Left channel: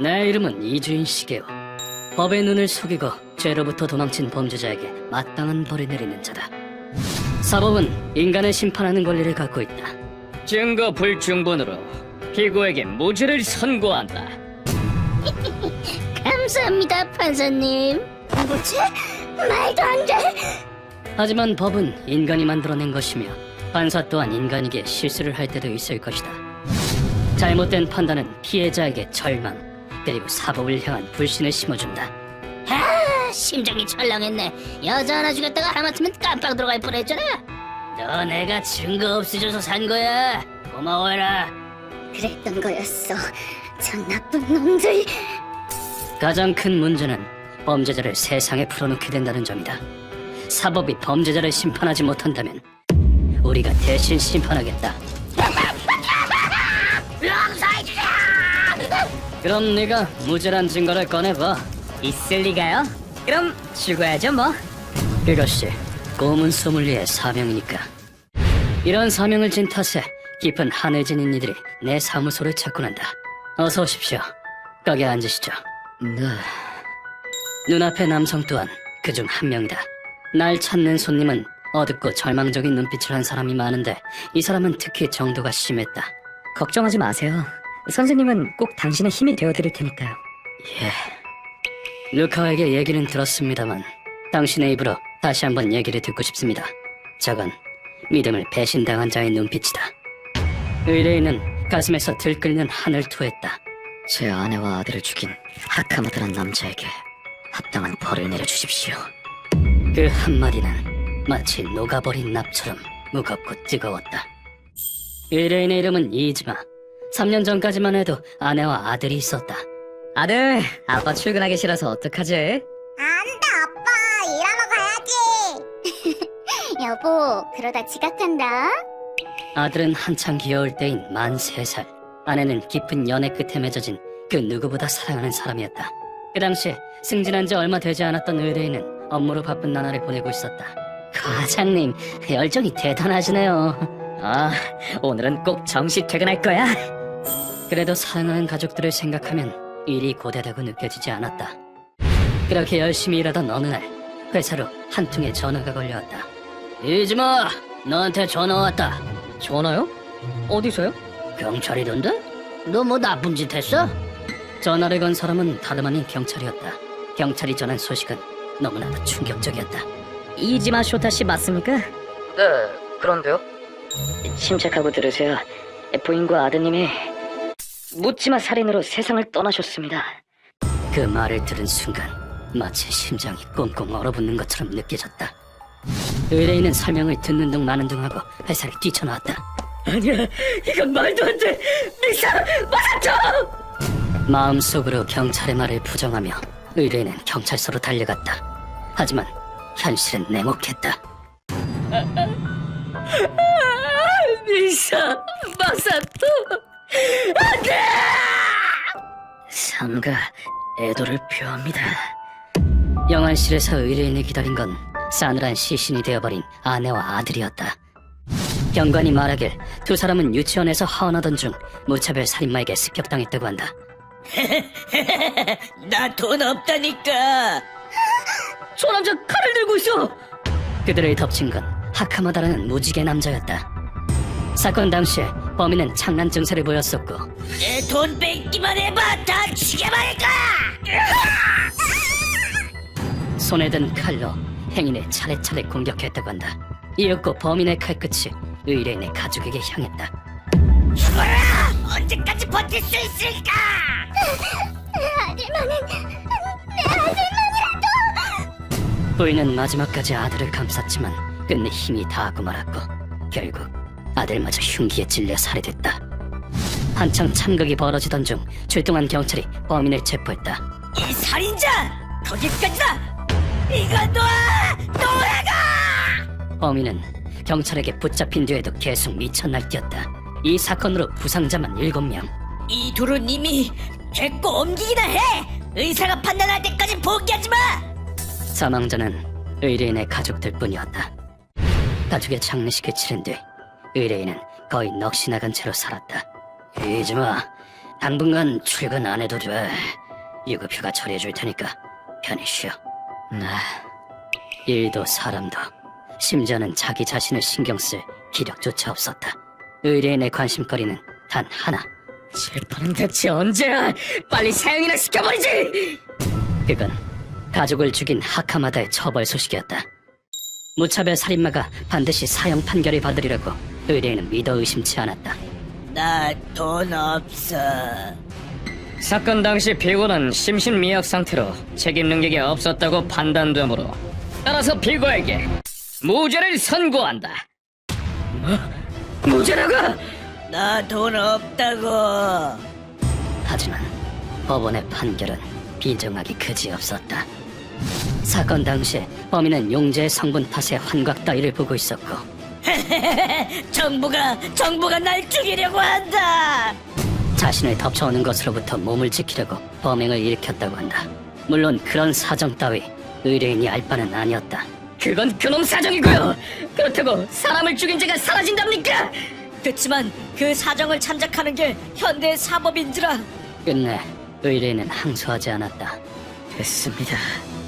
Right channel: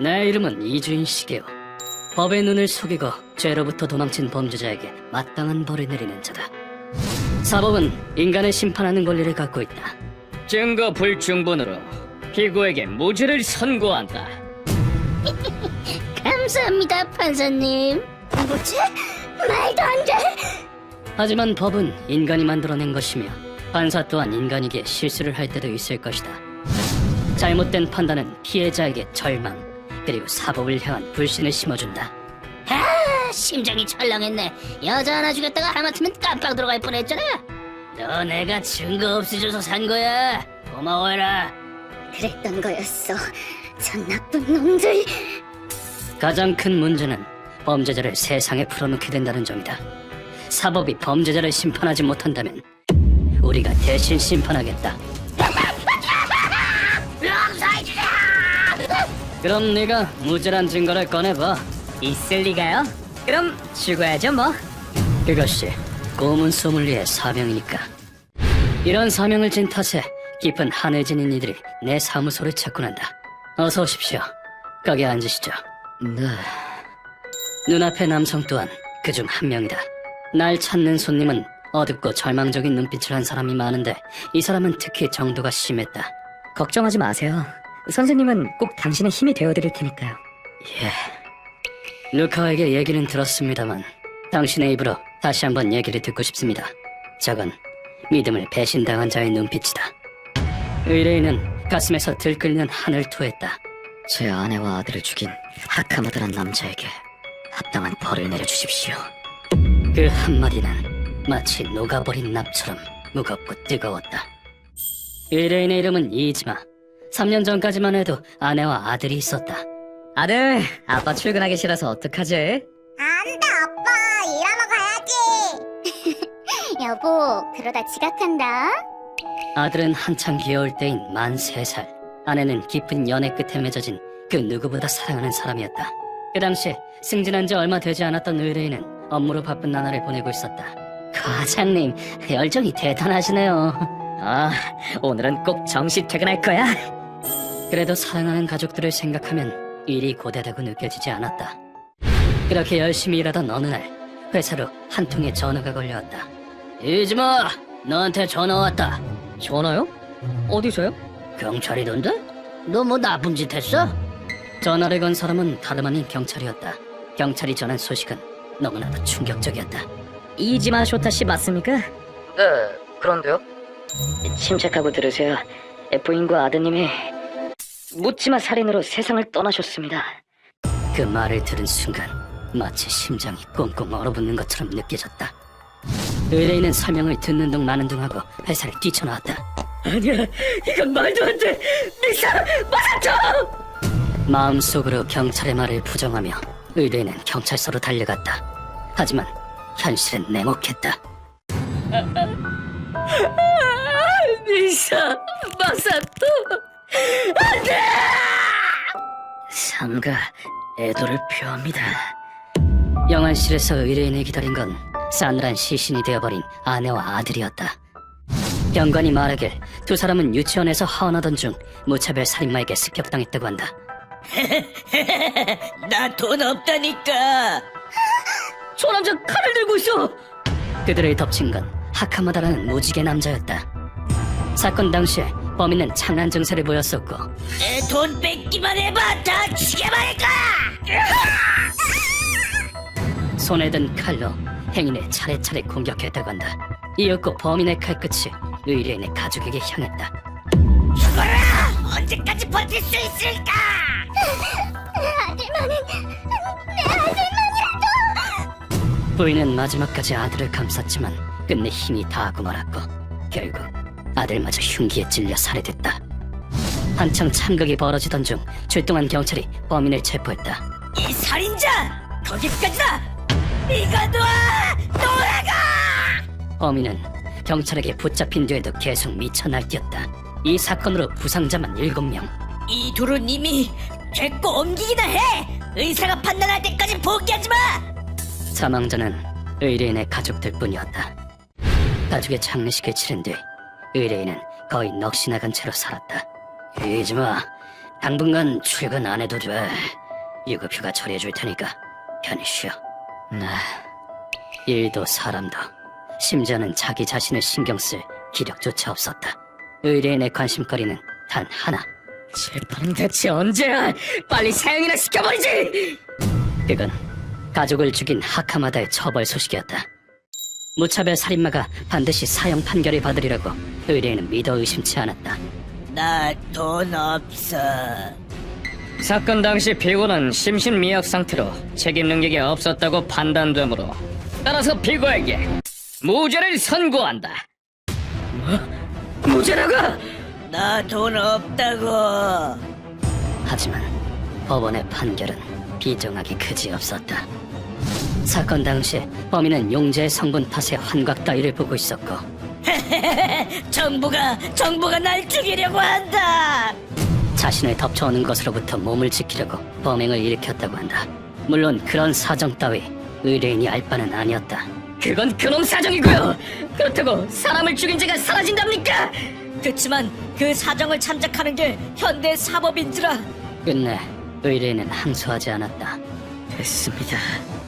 내 이름은 이주인 시게요. 법의 눈을 속이고 죄로부터 도망친 범죄자에게 마땅한 벌을 내리는 자다. 사법은 인간을 심판하는 권리를 갖고 있다. 증거 불충분으로 피고에게 무죄를 선고한다. 감사합니다, 판사님. 뭐지? 말도 안 돼. 하지만 법은 인간이 만들어낸 것이며 판사 또한 인간에게 실수를 할 때도 있을 것이다. 잘못된 판단은 피해자에게 절망, 그리고 사법을 향한 불신을 심어준다. 아, 심장이 철렁했네. 여자 하나 죽였다가 하마터면 깜빡 들어갈 뻔했잖아. 너 내가 증거 없애줘서 산 거야. 고마워라. 그랬던 거였어. 저 나쁜 놈들. 가장 큰 문제는 범죄자를 세상에 풀어놓게 된다는 점이다. 사법이 범죄자를 심판하지 못한다면 우리가 대신 심판하겠다. 그럼 내가 무죄란 증거를 꺼내봐. 있을 리가요? 그럼 죽어야죠 뭐. 그것이 고문 소믈리의 사명이니까. 이런 사명을 진 탓에 깊은 한을 지닌 이들이 내 사무소를 찾고 난다. 어서 오십시오. 가게 앉으시죠. 네. 눈앞의 남성 또한 그중 한 명이다. 날 찾는 손님은 어둡고 절망적인 눈빛을 한 사람이 많은데 이 사람은 특히 정도가 심했다. 걱정하지 마세요. 선생님은 꼭 당신의 힘이 되어드릴 테니까요. 예. 루카에게 얘기는 들었습니다만 당신의 입으로 다시 한번 얘기를 듣고 싶습니다. 저건 믿음을 배신당한 자의 눈빛이다. 의뢰인은 가슴에서 들끓는 한을 토했다. 제 아내와 아들을 죽인 하카무드란 남자에게 합당한 벌을 내려주십시오. 그 한마디는 마치 녹아버린 납처럼 무겁고 뜨거웠다. 의뢰인의 이름은 이즈마. 3년 전까지만 해도 아내와 아들이 있었다. 아들, 아빠 출근하기 싫어서 어떡하지? 안 돼, 아빠. 일하러 가야지. 여보, 그러다 지각한다. 아들은 한창 귀여울 때인 만 3살. 아내는 깊은 연애 끝에 맺어진 그 누구보다 사랑하는 사람이었다. 그 당시 승진한 지 얼마 되지 않았던 의뢰인은 업무로 바쁜 나날을 보내고 있었다. 과장님, 열정이 대단하시네요. 아, 오늘은 꼭 정시 퇴근할 거야. 그래도 사랑하는 가족들을 생각하면 일이 고되다고 느껴지지 않았다. 그렇게 열심히 일하던 어느 날 회사로 한 통의 전화가 걸려왔다. 이즈마, 너한테 전화 왔다. 전화요? 어디서요? 경찰이던데? 너 뭐 나쁜 짓 했어? 전화를 건 사람은 다름 아닌 경찰이었다. 경찰이 전한 소식은 너무나도 충격적이었다. 이지마 쇼타씨 맞습니까? 네, 그런데요? 침착하고 들으세요. 부인과 아드님이 묻지마 살인으로 세상을 떠나셨습니다. 그 말을 들은 순간 마치 심장이 꽁꽁 얼어붙는 것처럼 느껴졌다. 의뢰인은 설명을 듣는 둥 마는 둥 하고 회사를 뛰쳐나왔다. 아니야, 이건 말도 안 돼. 미사, 맞았죠! 마음속으로 경찰의 말을 부정하며 의뢰인은 경찰서로 달려갔다. 하지만 현실은 냉혹했다. 미사, 맞았죠! 안 돼! 상가 애도를 표합니다. 영안실에서 의뢰인을 기다린 건 싸늘한 시신이 되어버린 아내와 아들이었다. 경관이 말하길 두 사람은 유치원에서 하원하던 중 무차별 살인마에게 습격당했다고 한다. 나 돈 없다니까. 저 남자 칼을 들고 있어. 그들을 덮친 건 하카모다라는 무지개 남자였다. 사건 당시에 범인은 장난 증세를 보였었고 내 돈 뺏기만 해봐 다 죽여버릴까. 손에 든 칼로 행인을 차례차례 공격했다고 한다. 이윽고 범인의 칼끝이 의뢰인의 가족에게 향했다. 죽어라! 언제까지 버틸 수 있을까? 아들만은 내 아들만이라도. 부인은 마지막까지 아들을 감쌌지만 끝내 힘이 다하고 말았고 결국 아들마저 흉기에 찔려 살해됐다. 한창 참극이 벌어지던 중 출동한 경찰이 범인을 체포했다. 이 살인자! 도둑까지다! 네가 놔! 너라가! 범인은 경찰에게 붙잡힌 뒤에도 계속 미쳐 날뛰었다. 이 사건으로 부상자만 7명. 이 둘은 이미 됐고 옮기기나 해. 의사가 판단할 때까지 포기하지 마. 사망자는 의뢰인의 가족들뿐이었다. 가족의 장례식을 치른 뒤 의뢰인은 거의 넋이 나간 채로 살았다. 이즈마, 당분간 출근 안 해도 돼. 유급휴가 처리해줄 테니까 편히 쉬어. 일도 사람도 심지어는 자기 자신을 신경 쓸 기력조차 없었다. 의뢰인의 관심거리는 단 하나. 재판은 대체 언제야? 빨리 사형이나 시켜버리지! 그건 가족을 죽인 하카마다의 처벌 소식이었다. 무차별 살인마가 반드시 사형 판결을 받으리라고 의뢰인은 믿어 의심치 않았다. 나 돈 없어. 사건 당시 피고는 심신미약 상태로 책임 능력이 없었다고 판단되므로 따라서 피고에게 무죄를 선고한다. 무죄라고! 나 돈 없다고. 하지만 법원의 판결은 비정하기 그지없었다. 사건 당시 범인은 용재의 성분 탓에 환각 따위를 보고 있었고 정부가 날 죽이려고 한다. 자신을 덮쳐오는 것으로부터 몸을 지키려고 범행을 일으켰다고 한다. 물론 그런 사정 따위 의뢰인이 알 바는 아니었다. 그건 그놈 사정이고요. 그렇다고 사람을 죽인 죄가 사라진답니까? 그치만 그 사정을 참작하는 게 현대 사법인들아. 끝내 의뢰인은 항소하지 않았다. 됐습니다.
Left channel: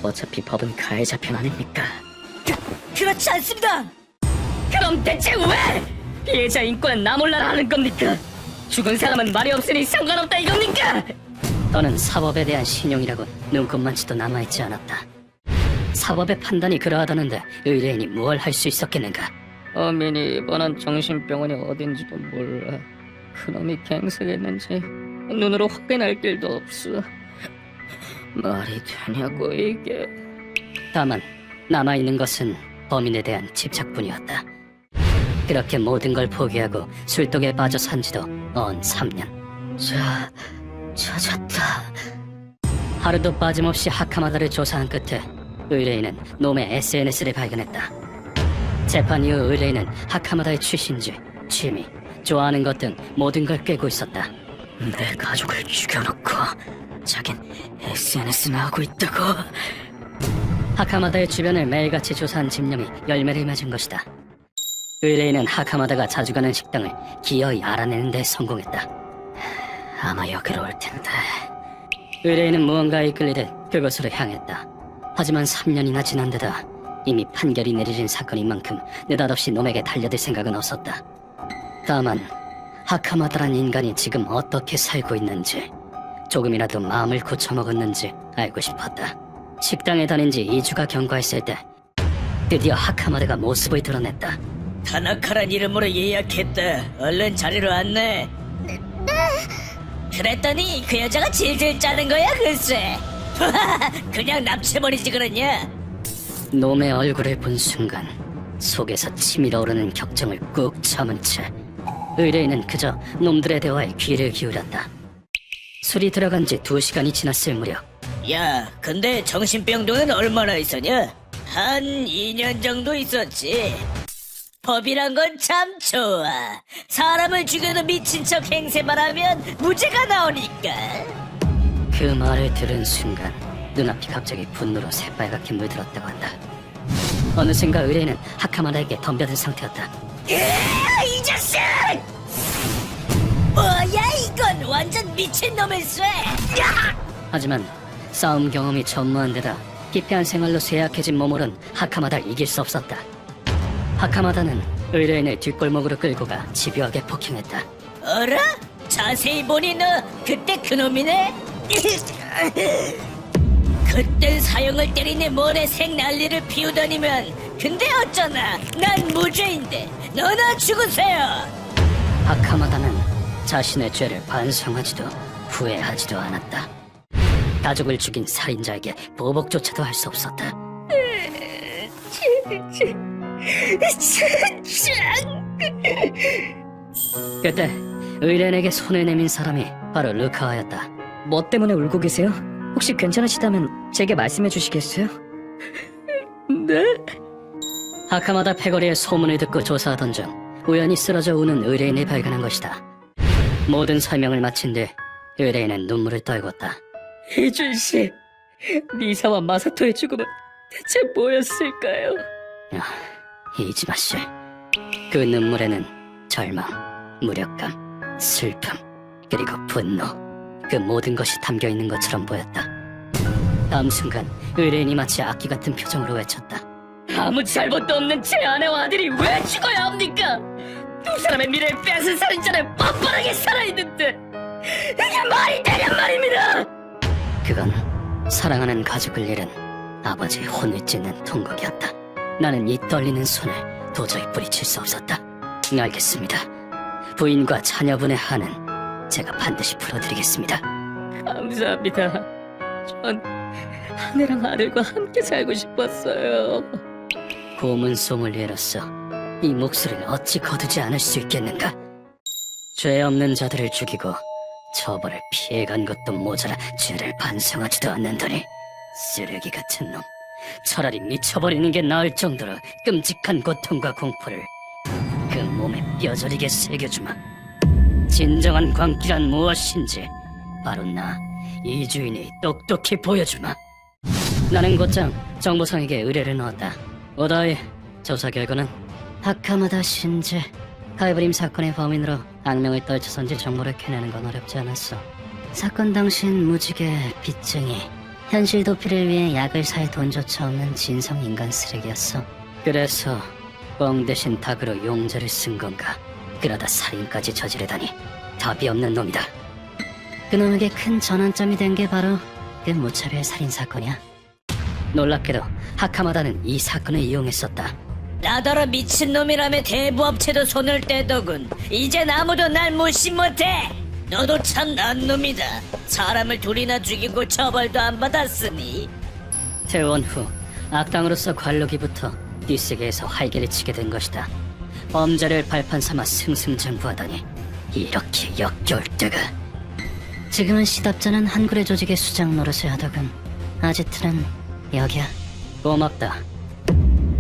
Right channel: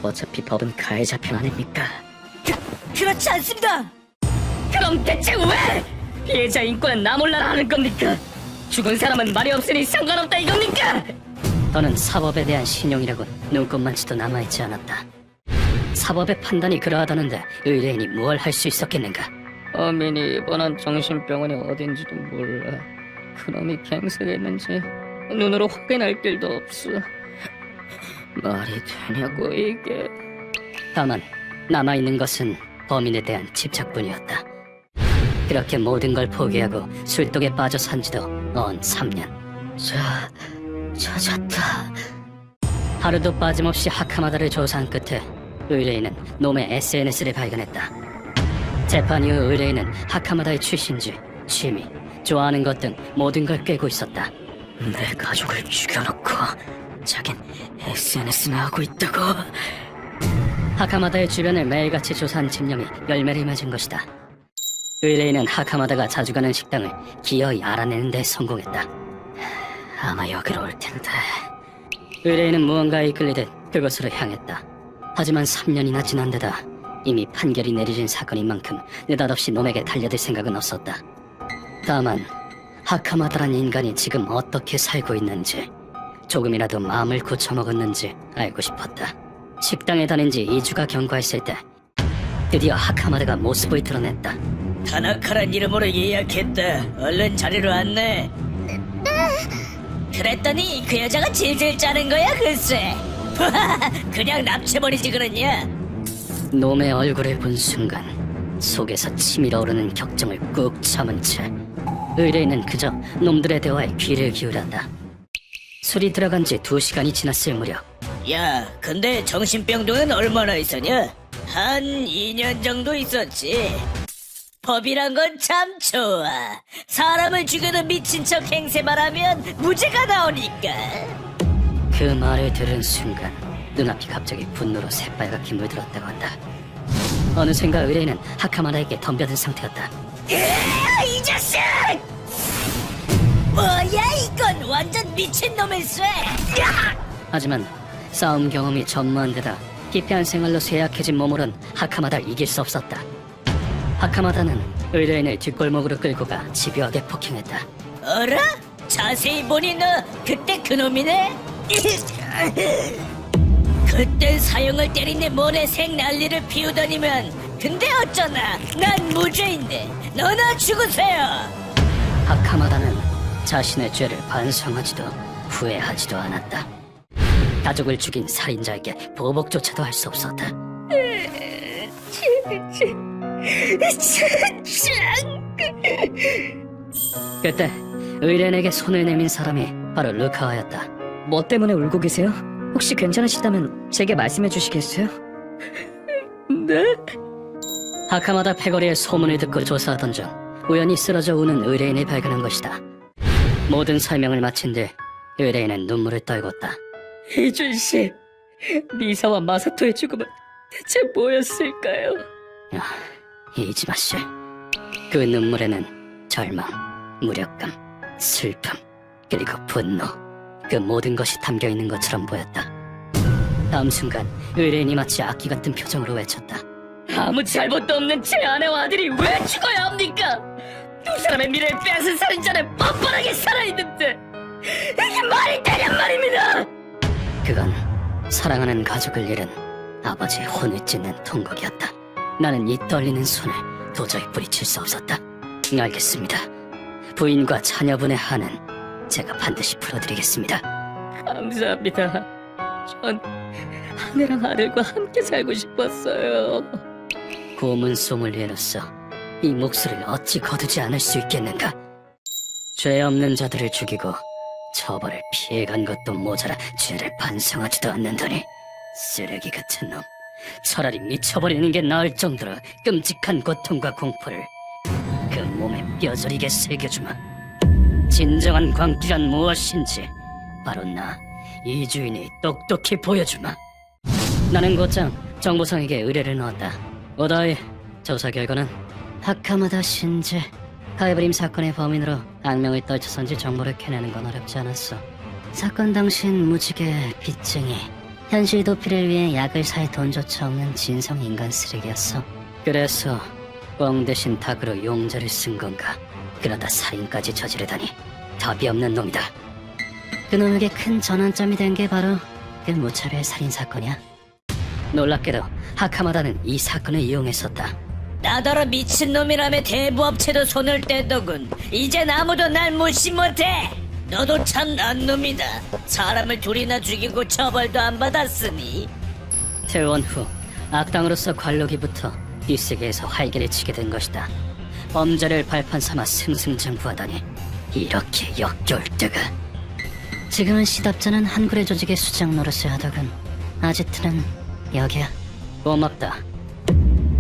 어차피 법은 가해자 편 아닙니까? 그렇지 않습니다. 그럼 대체 왜 피해자 인권은 나 몰라라 하는 겁니까? 죽은 사람은 말이 없으니 상관없다 이겁니까? 너는 사법에 대한 신용이라고 눈꼽만치도 남아있지 않았다. 사법의 판단이 그러하다는데 의뢰인이 뭘 할 수 있었겠는가? 어민이 입원한 정신병원이 어딘지도 몰라. 그놈이 갱생했는지 눈으로 확인할 길도 없어. 말이 되냐고 이게. 다만 남아있는 것은 범인에 대한 집착뿐이었다. 그렇게 모든 걸 포기하고 술독에 빠져 산 지도 언 3년. 찾았다. 하루도 빠짐없이 하카마다를 조사한 끝에 의뢰인은 놈의 SNS를 발견했다. 재판 이후 의뢰인은 하카마다의 출신지, 취미, 좋아하는 것 등 모든 걸 꿰고 있었다. 내 가족을 죽여놓고 자긴 SNS나 하고 있다고. 하카마다의 주변을 매일같이 조사한 집념이 열매를 맺은 것이다. 의뢰인은 하카마다가 자주 가는 식당을 기어이 알아내는 데 성공했다. 아마 여기로 올 텐데. 의뢰인은 무언가에 이끌리듯 그곳으로 향했다. 하지만 3년이나 지난 데다 이미 판결이 내려진 사건인 만큼 느닷없이 놈에게 달려들 생각은 없었다. 다만 하카마다란 인간이 지금 어떻게 살고 있는지, 조금이라도 마음을 고쳐먹었는지 알고 싶었다. 식당에 다닌 지 2주가 경과했을 때 드디어 하카마다가 모습을 드러냈다. 타나카란 이름으로 예약했다. 얼른 자리로 안내. 그랬더니 그 여자가 질질 짜는 거야 글쎄. 그냥 납치해버리지 그러냐. 놈의 얼굴을 본 순간 속에서 치밀어 오르는 격정을 꾹 참은 채 의뢰인은 그저 놈들의 대화에 귀를 기울였다. 술이 들어간 지 2시간이 지났을 무렵 야, 근데 정신병동은 얼마나 있었냐? 한 2년 정도 있었지. 법이란 건 참 좋아. 사람을 죽여도 미친 척 행세만 하면 무죄가 나오니까. 그 말을 들은 순간 눈앞이 갑자기 분노로 새빨갛게 물들었다고 한다. 어느샌가 의뢰인은 하카마다에게 덤벼든 상태였다. 이 자식! 뭐야 이건 완전 미친놈일세. 하지만 싸움 경험이 전무한 데다 피폐한 생활로 쇠약해진 몸으론 하카마다를 이길 수 없었다. 하카마다는 의뢰인을 뒷골목으로 끌고 가 집요하게 폭행했다. 어라? 자세히 보니 너 그때 그놈이네? 그땐 사형을 때리는데 모래 생 난리를 피우다니면 근데 어쩌나 난 무죄인데 너나 죽으세요. 하카마다는 자신의 죄를 반성하지도 후회하지도 않았다. 가족을 죽인 살인자에게 보복조차도 할 수 없었다. 그때 의뢰인에게 손을 내민 사람이 바로 르카하였다. 뭐 때문에 울고 계세요? 혹시 괜찮으시다면 제게 말씀해 주시겠어요? 네? 하카마다 패거리의 소문을 듣고 조사하던 중 우연히 쓰러져 우는 의뢰인을 발견한 것이다. 모든 설명을 마친 뒤 의뢰인은 눈물을 떨궜다. 이준씨, 미사와 마사토의 죽음은 대체 뭐였을까요? 이지마씨. 그 눈물에는 절망, 무력감, 슬픔, 그리고 분노, 그 모든 것이 담겨 있는 것처럼 보였다. 다음 순간 의뢰인이 마치 악기 같은 표정으로 외쳤다. 아무 잘못도 없는 제 아내와 아들이 왜 죽어야 합니까? 두 사람의 미래를 빼앗은 살인자를 뻔뻔하게 살아있는데 이게 말이 되냔 말입니다. 그건 사랑하는 가족을 잃은 아버지의 혼을 찢는 통곡이었다. 나는 이 떨리는 손을 도저히 뿌리칠 수 없었다. 알겠습니다. 부인과 자녀분의 한은 제가 반드시 풀어드리겠습니다. 감사합니다. 전 아내랑 아들과 함께 살고 싶었어요. 고문 소믈리에로서 이 몫을 어찌 거두지 않을 수 있겠는가? 죄 없는 자들을 죽이고 처벌을 피해간 것도 모자라 죄를 반성하지도 않는다니 쓰레기 같은 놈. 차라리 미쳐버리는 게 나을 정도로 끔찍한 고통과 공포를 그 몸에 뼈저리게 새겨주마. 진정한 광기란 무엇인지 바로 나 이주인이 똑똑히 보여주마. 나는 곧장 정보상에게 의뢰를 넣었다. 오더이 조사 결과는 하카마다 신지 가이브림 사건의 범인으로 악명을 떨쳐선지 정보를 캐내는 건 어렵지 않았어. 사건 당시엔 무지개 빚쟁이, 현실 도피를 위해 약을 사에 돈조차 없는 진성 인간 쓰레기였어. 그래서 뻥 대신 닭으로 용자를 쓴 건가? 그러다 살인까지 저지르다니 답이 없는 놈이다. 그놈에게 큰 전환점이 된 게 바로 그 무차별 살인 사건이야. 놀랍게도 하카마다는 이 사건을 이용했었다. 나더러 미친놈이라며 대부업체도 손을 떼더군. 이젠 아무도 날 못시 못해. 너도 참 난놈이다. 사람을 둘이나 죽이고 처벌도 안 받았으니. 퇴원 후 악당으로서 관록이부터 이 세계에서 활개를 치게 된 것이다. 범죄를 발판 삼아 승승장구하다니 이렇게 역겨울 때가. 지금은 시답자는 한구레 조직의 수장 노릇을 하더군. 아지트는 여기야. 고맙다.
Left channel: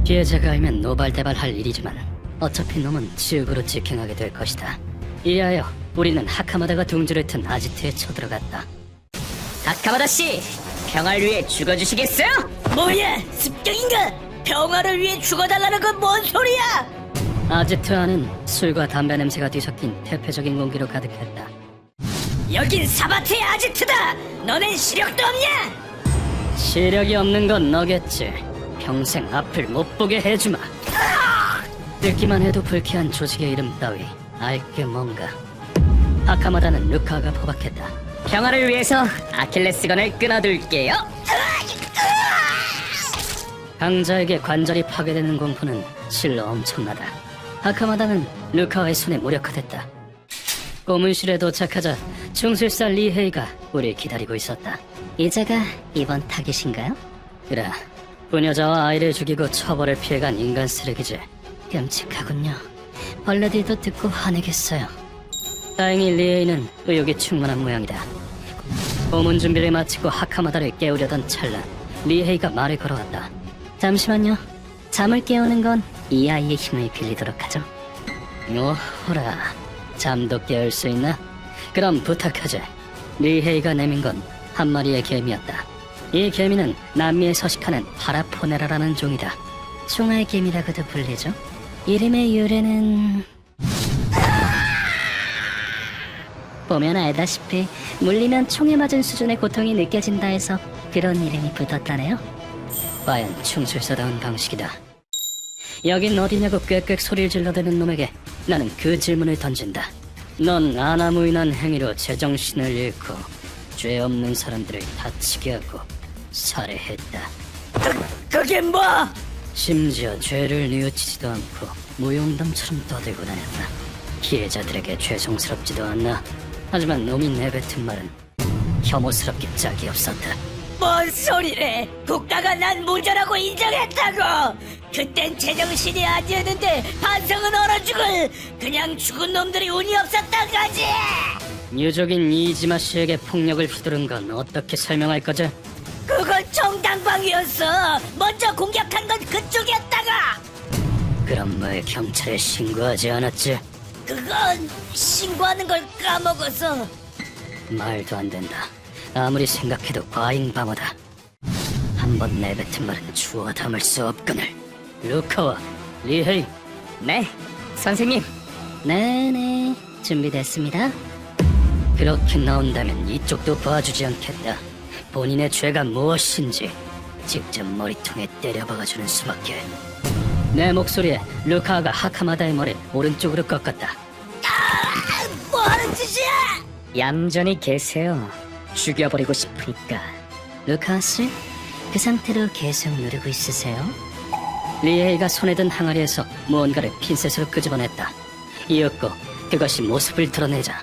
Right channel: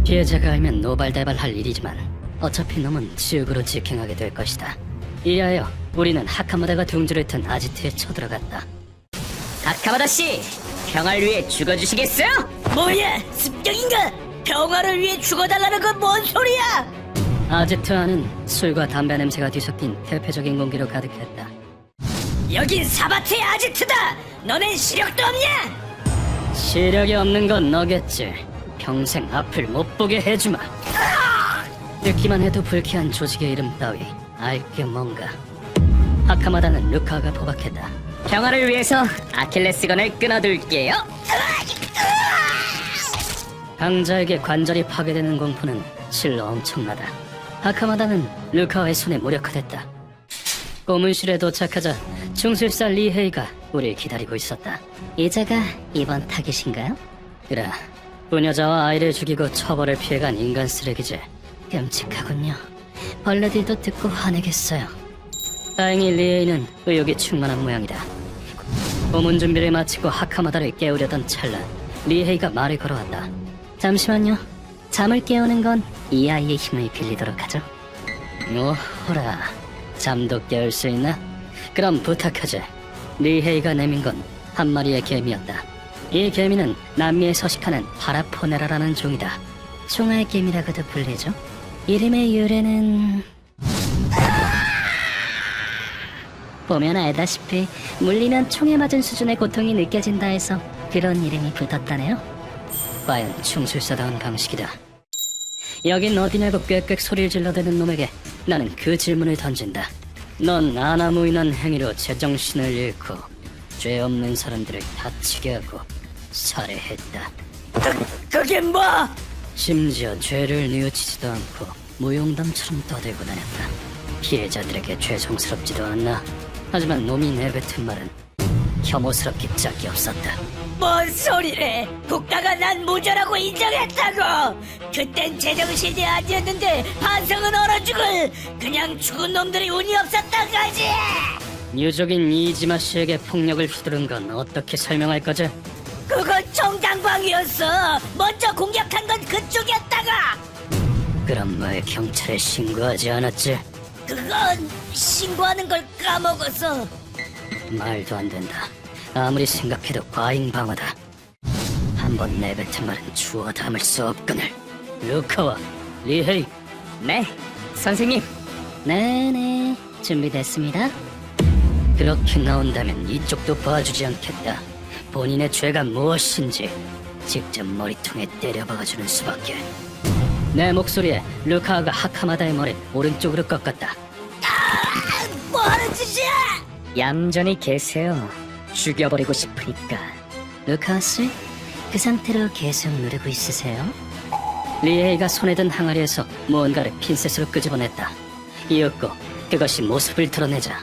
피해자가 알면 노발대발할 일이지만 어차피 놈은 즙으로 직행하게 될 것이다. 이하여 우리는 하카마다가 둥지를 튼 아지트에 쳐들어갔다. 하카마다 씨, 평화를 위해 죽어주시겠어요? 뭐야, 습격인가? 평화를 위해 죽어달라는 건 뭔 소리야? 아지트 안은 술과 담배 냄새가 뒤섞인 대표적인 공기로 가득했다. 여긴 사바티의 아지트다! 너는 시력도 없냐? 시력이 없는 건 너겠지. 평생 앞을 못 보게 해주마. 듣기만 해도 불쾌한 조직의 이름 따위 알게 뭔가. 하카마다는 루카가 포박했다. 평화를 위해서 아킬레스건을 끊어둘게요. 강자에게 관절이 파괴되는 공포는 실로 엄청나다. 하카마다는 루카와의 손에 무력화됐다. 고문실에 도착하자 충술사 리헤이가 우리를 기다리고 있었다. 이제가 이번 타깃인가요? 그래. 부녀자와 아이를 죽이고 처벌을 피해간 인간 쓰레기지. 끔찍하군요. 벌레들도 듣고 화내겠어요. 다행히 리에이는 의욕이 충만한 모양이다. 고문 준비를 마치고 하카마다를 깨우려던 찰나 리에이가 말을 걸어왔다. 잠시만요. 잠을 깨우는 건 이 아이의 힘을 빌리도록 하죠. 뭐호라, 잠도 깨울 수 있나? 그럼 부탁하지. 리헤이가 내민 건 한 마리의 개미였다. 이 개미는 남미에 서식하는 파라포네라라는 종이다. 총알 개미라고도 불리죠. 이름의 유래는... 보면 알다시피 물리면 총에 맞은 수준의 고통이 느껴진다 해서 그런 이름이 붙었다네요. 과연 충술사다운 방식이다. 여긴 어디냐고 꽥꽥 소리를 질러대는 놈에게 나는 그 질문을 던진다. 넌 아나무인한 행위로 제정신을 잃고 죄 없는 사람들을 다치게 하고 살해했다. 그게 뭐? 심지어 죄를 뉘우치지도 않고 무용담처럼 떠들고 다녔다. 피해자들에게 죄송스럽지도 않나. 하지만 놈이 내뱉은 말은 혐오스럽기 짝이 없었다. 뭔 소리래? 국가가 난 무죄라고 인정했다고! 그땐 제정신이 아니었는데 반성은 얼어주고 그냥 죽은 놈들이 운이 없었단 거지! 유족인 이지마 씨에게 폭력을 휘두른 건 어떻게 설명할 거지? 그건 정당방위였어! 먼저 공격한 건 그쪽이었다가! 그럼 왜 경찰에 신고하지 않았지? 그건 신고하는 걸 까먹어서. 말도 안 된다. 아무리 생각해도 과잉방어다. 한번 내뱉은 말은 주워 담을 수 없거늘. 루카와 리헤이. 네, 선생님. 네네, 준비됐습니다. 그렇게 나온다면 이쪽도 봐주지 않겠다. 본인의 죄가 무엇인지 직접 머리통에 때려박아주는 수밖에. 내 목소리에 루카가 하카마다의 머리를 오른쪽으로 꺾었다. 뭐하는 짓이야? 얌전히 계세요. 죽여버리고 싶으니까. 루카 씨, 그 상태로 계속 누르고 있으세요? 리에이가 손에 든 항아리에서 뭔가를 핀셋으로 끄집어냈다. 이었고 그것이 모습을 드러내자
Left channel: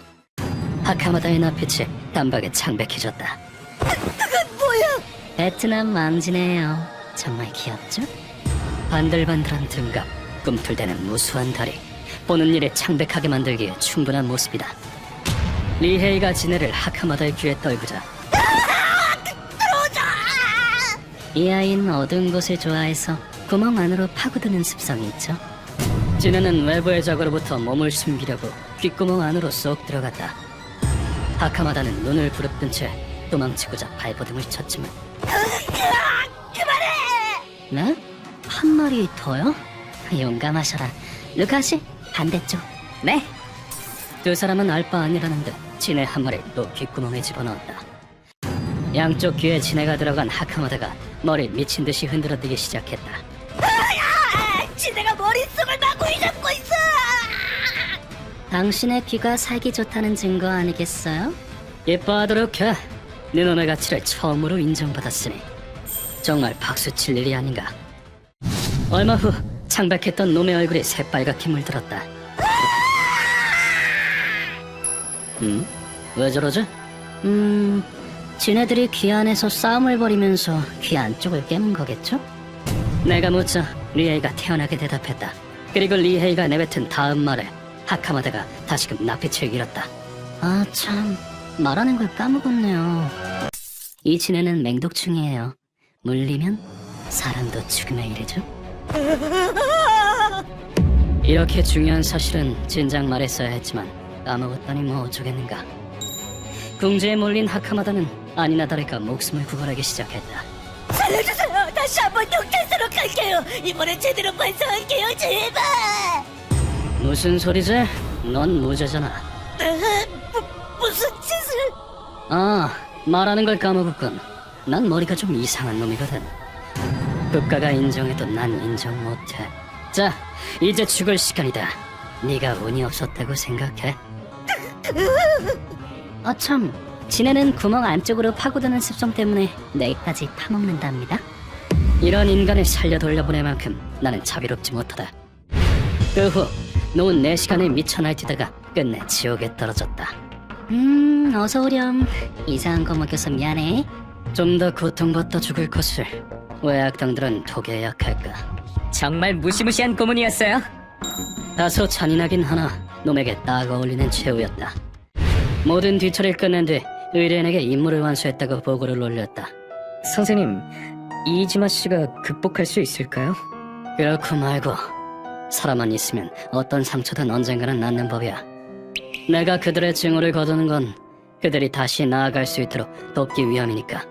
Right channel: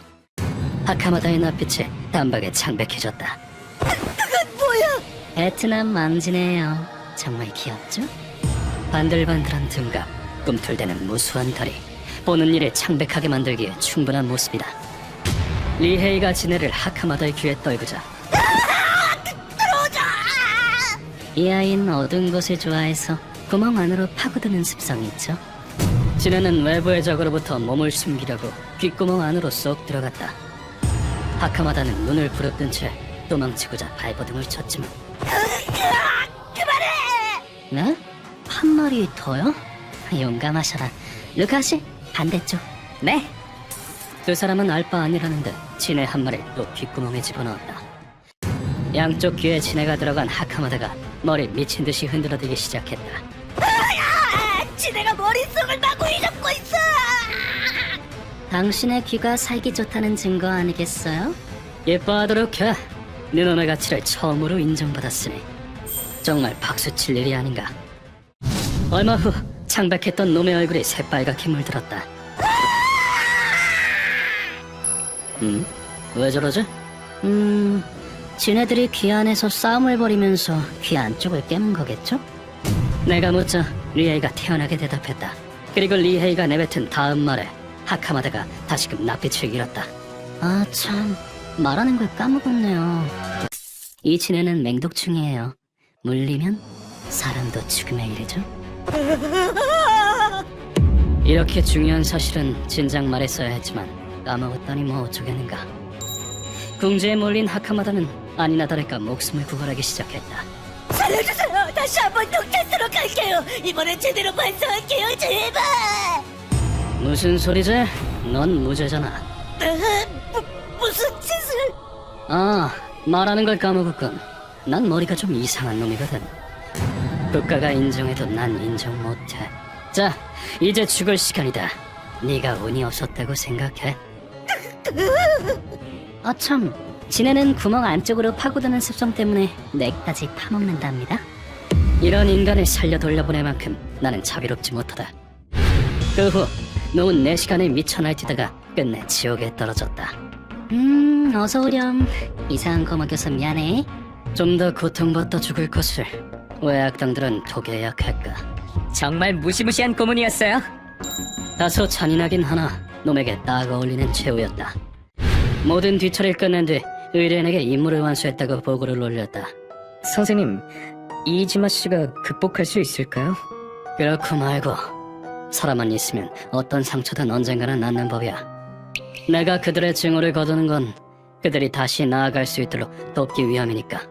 하카마다의 낯빛이 단박에 창백해졌다. 그건 뭐야? 베트남 왕지네요. 정말 귀엽죠? 반들반들한 등갑, 꿈틀대는 무수한 다리, 보는 일에 창백하게 만들기에 충분한 모습이다. 리헤이가 지네를 하카마다의 귀에 떨구자 이 아이는 어두운 곳을 좋아해서 구멍 안으로 파고드는 습성이 있죠. 지네는 외부의 적으로부터 몸을 숨기려고 귓구멍 안으로 쏙 들어갔다. 하카마다는 눈을 부릅뜬 채 도망치고자 발버둥을 쳤지만 네? 한 발이 더요? 용감하셔라. 루카씨, 반대쪽. 네? 두 사람은 알 바 아니라는 듯 지네 한 마리를 또 귓구멍에 집어넣었다. 양쪽 귀에 지네가 들어간 하카마다가 머리 미친 듯이 흔들어대기 시작했다. 지네가 머릿속을 마구이 잡고 있어. 당신의 귀가 살기 좋다는 증거 아니겠어요? 예뻐하도록 해. 누나의 가치를 처음으로 인정받았으니 정말 박수칠 일이 아닌가. 얼마 후 창백했던 놈의 얼굴이 새빨갛게 물들었다. 왜 저러지? 쟤네들이 귀 안에서 싸움을 벌이면서 귀 안쪽을 깨는 거겠죠? 내가 묻자 리헤이가 태연하게 대답했다. 그리고 리헤이가 내뱉은 다음 말에 하카마다가 다시금 낯빛을 잃었다. 아 참, 말하는 걸 까먹었네요. 이 지네는 맹독충이에요. 물리면 사람도 죽음에 이르죠. 이렇게 중요한 사실은 진작 말했어야 했지만 까먹었더니 뭐 어쩌겠는가. 궁지에 몰린 하카마다는 아니나 다를까 목숨을 구걸하기 시작했다. 살려주세요. 다시 한번 독테스로 갈게요. 이번엔 제대로 반성할게요. 제발. 무슨 소리지? 넌 무죄잖아. 무슨 짓을? 아, 말하는 걸 까먹었군. 난 머리가 좀 이상한 놈이거든. 국가가 인정해도 난 인정 못해. 자, 이제 죽을 시간이다. 네가 운이 없었다고 생각해. 아 참, 지네는 구멍 안쪽으로 파고드는 습성 때문에 뇌까지 파먹는답니다. 이런 인간을 살려 돌려보낼 만큼 나는 자비롭지 못하다. 그 후 노은 4시간에 미쳐 날뛰다가 끝내 지옥에 떨어졌다. 어서 오렴. 이상한 거 먹여서 미안해. 좀 더 고통받다 죽을 것을 왜 악당들은 독에 약할까? 정말 무시무시한 고문이었어요. 다소 잔인하긴 하나 놈에게 딱 어울리는 최후였다. 모든 뒤처리를 끝낸 뒤 의뢰인에게 임무를 완수했다고 보고를 올렸다. 선생님, 이지마 씨가 극복할 수 있을까요? 그렇고 말고 사람만 있으면 어떤 상처든 언젠가는 낫는 법이야. 내가 그들의 증오를 거두는 건 그들이 다시 나아갈 수 있도록 돕기 위함이니까.